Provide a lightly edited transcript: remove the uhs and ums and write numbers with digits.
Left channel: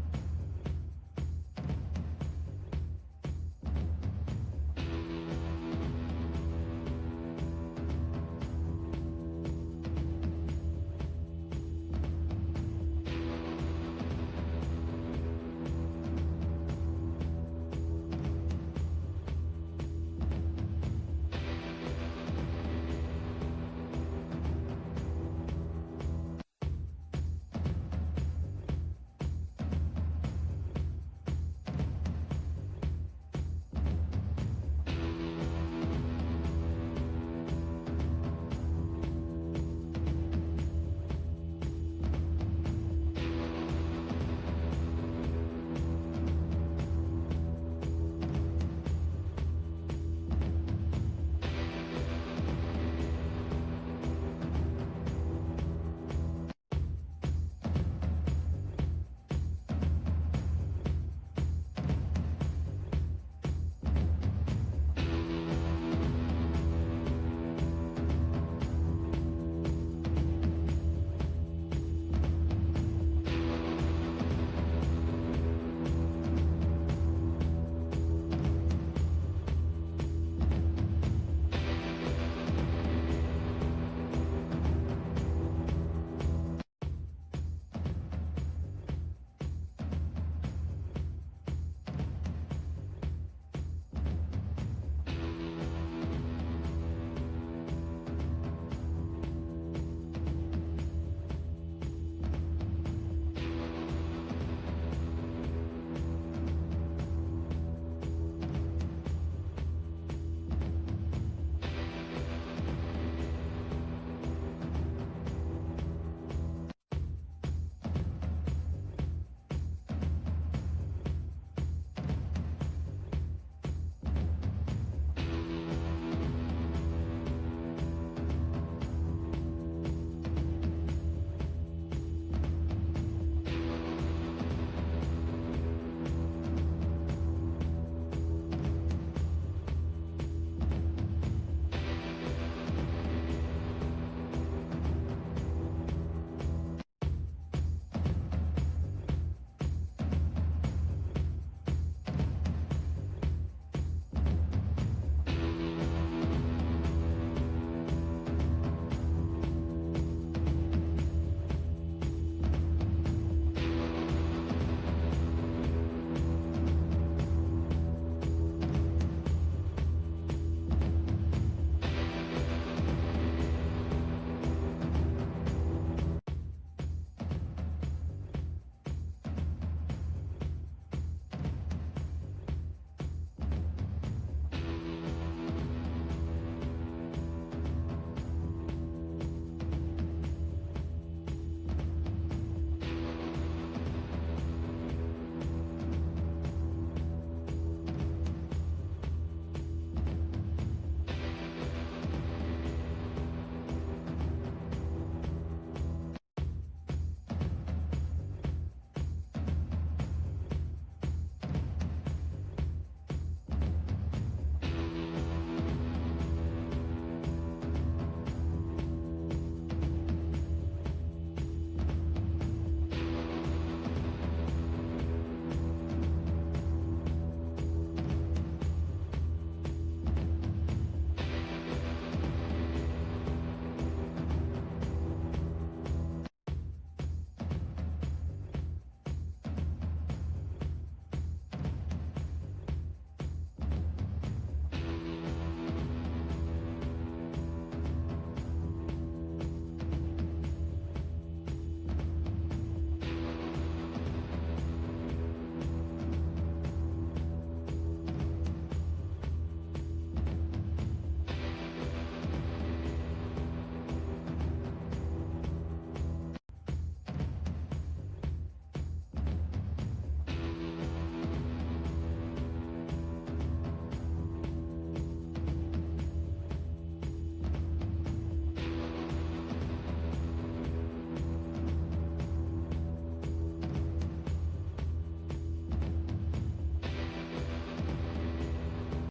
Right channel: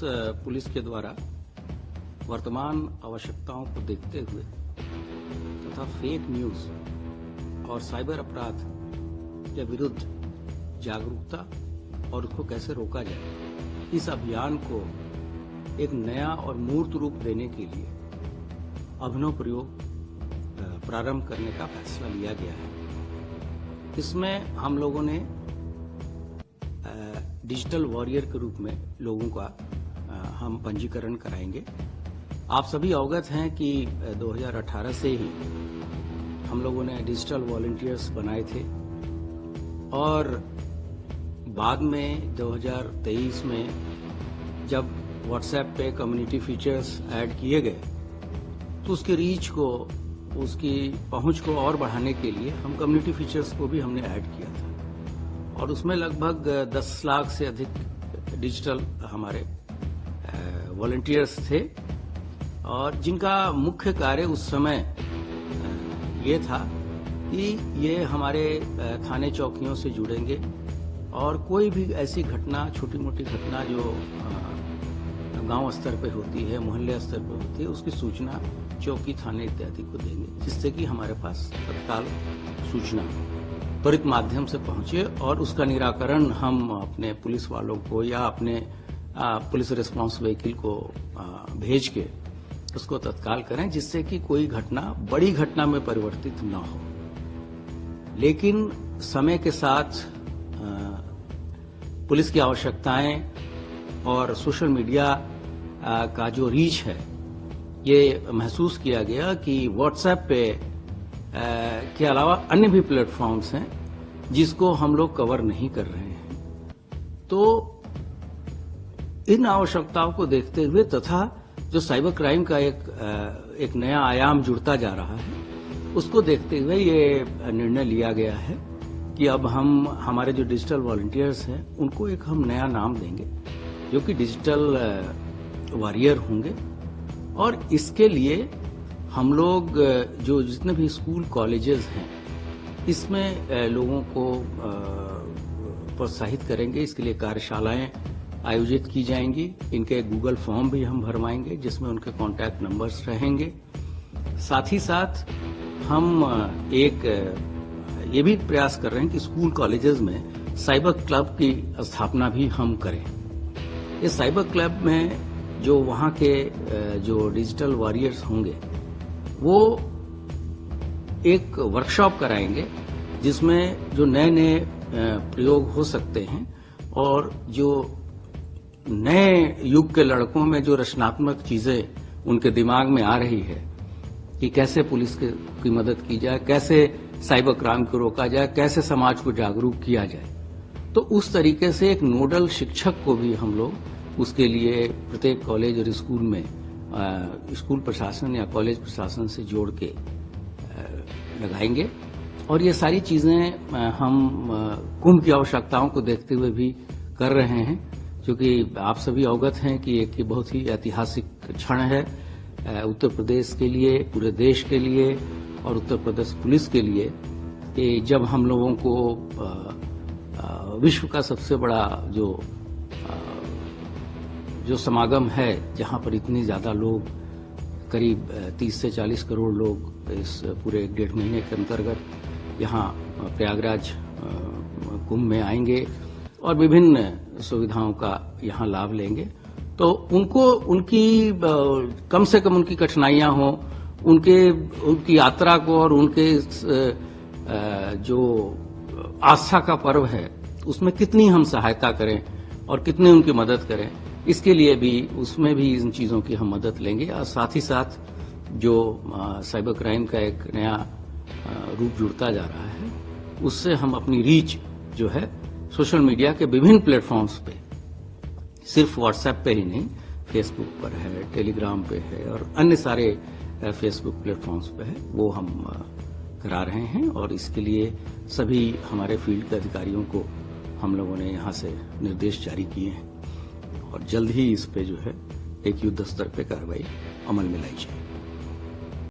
Police के द्वारा वर्तमान आवश्यकताओं को देखते हुए तथा फेक न्यूज और साइबर अपराध के विरुद्ध जागरूकता और उसको कैसे रोका जाए, इस अभियान को एक नया और मूर्त रूप देने के लिए अभिनव प्रयोग प्रारंभ करने का फैसला लिया गया है। इसमें हम लोगों ने डिजिटल वॉरियर के रूप में लोगों का हम पंजीकरण कराएंगे। आप सभी अवगत हैं कि 2018 से ही हम लोगों ने डिजिटल वॉलंटियर्स बनाए थे और बाद में 2023 में जब व्हाट्सएप पे कम्युनिटी फीचर्स ऐड किए गए तो उसकी रीच को, उसकी पहुंच को और बढ़ाने के लिए हम कम्युनिटी फीचर्स को भी हमने ऐड किया था और उसमें लगभग 10 लाख से अधिक डिजिटल हमारे वॉलंटियर्स थे और जिनका मुख्य कार्य उस समय ये था कि ये हमारे थाने चौकियों से जुड़ेंगे और कोई भी ऐसी घटना, छोटी मोटी घटना जो गांव स्तर पे होती है, मोहल्ले स्तर पे होती है, उसकी सूचना चौकी, थाने इत्यादि को देंगे, जिससे कि हमारे पास तत्काल सूचना त्वरित माध्यम से पहुंचे और उसका निराकरण हम अपने पुलिस वालों को या अपने पुलिस रिस्पांस व्हीकल को भेज के उसको तत्काल करें, जिससे कि कोई घटना बड़ी घटना में परिवर्तित न हो। लेकिन समय के साथ पुलिस की आवश्यकताएं और सोशल मीडिया का जो रीच है, ये महसूस किया गया कि व्हाट्सएप पे के अलावा अन्य भी प्लेटफॉर्म्स हैं जिसको हम लोग कवर नहीं कर रहे हैं। तो इन आवश्यकताओं को देखते हुए तथा जो साइबर क्राइम का एक नया आयाम जुड़ता जा रहा है, उसको देखते हुए ये निर्णय लिया गया है कि अब हम हमारे जो डिजिटल वॉलंटियर्स हैं उनको एक हम नया नाम देंगे जो कि डिजिटल वॉरियर होंगे। और इसके लिए हम लोग जो जितने भी स्कूल कॉलेजेस हैं इसमें लोगों को प्रोत्साहित करेंगे। इसके लिए कार्यशालाएं आयोजित की जाएंगी। इनके गूगल फॉर्म भी हम भरवाएंगे जिसमें उनके कॉन्टैक्ट नंबर्स रहेंगे। साथ ही साथ हम एक ये भी प्रयास कर रहे हैं कि स्कूल कॉलेजेस में साइबर क्लब की स्थापना भी हम करें। इस साइबर क्लब में जो वहाँ के जो डिजिटल वॉरियर्स होंगे वो एक वर्कशॉप कराएंगे जिसमें जो नए नए प्रयोग हो सकते हैं और जो नए युग के लड़कों में जो रचनात्मक चीजें उनके दिमाग में आ रही है कि कैसे पुलिस की मदद की जाए, कैसे साइबर क्राइम को रोका जाए, कैसे समाज को जागरूक किया जाए। तो उस तरीके से एक नोडल शिक्षक को भी हम लोग उसके लिए प्रत्येक कॉलेज और स्कूल में स्कूल प्रशासन या कॉलेज प्रशासन से जोड़ के लगाएंगे। और ये सारी चीजें हम कुंभ की आवश्यकताओं को देखते हुए भी कर रहे हैं, क्योंकि आप सभी अवगत हैं कि एक बहुत ही ऐतिहासिक क्षण है उत्तर प्रदेश के लिए, पूरे देश के लिए और उत्तर प्रदेश पुलिस के लिए कि जब हम लोगों को विश्व का सबसे बड़ा जो समागम है, जहां पर इतने ज्यादा लोग, करीब 30 से 40 करोड़ लोग इस पूरे 1.5 महीने के अंतर्गत यहाँ प्रयागराज कुंभ में आएंगे और विभिन्न सुविधाओं का यहाँ लाभ लेंगे। तो उनकी कम से कम उनकी कठिनाइयां हो, उनकी यात्रा को और उनके जो आस्था का पर्व है उसमें कितनी हम सहायता करें और कितनी उनकी मदद करें, इसके लिए भी उसमें भी इन चीजों की हम मदद लेंगे। और साथ ही साथ जो साइबर क्राइम का एक नया रूप जुड़ता जा रहा है, उससे हम अपनी रीच जो है सोशल मीडिया के विभिन्न प्लेटफॉर्म्स पे, सिर्फ व्हाट्सएप पे ही नहीं, फेसबुक पर है, टेलीग्राम पे है और अन्य सारे फेसबुक प्लेटफॉर्म्स पे है, वो हम करा रहे हैं। और इसके लिए सभी हमारे फील्ड के अधिकारियों को हम लोगों ने यहाँ से निर्देश जारी किए हैं और जल्द ही इस पे जो है एक युद्ध स्तर पे कार्रवाई अमल में लाई जाएगी।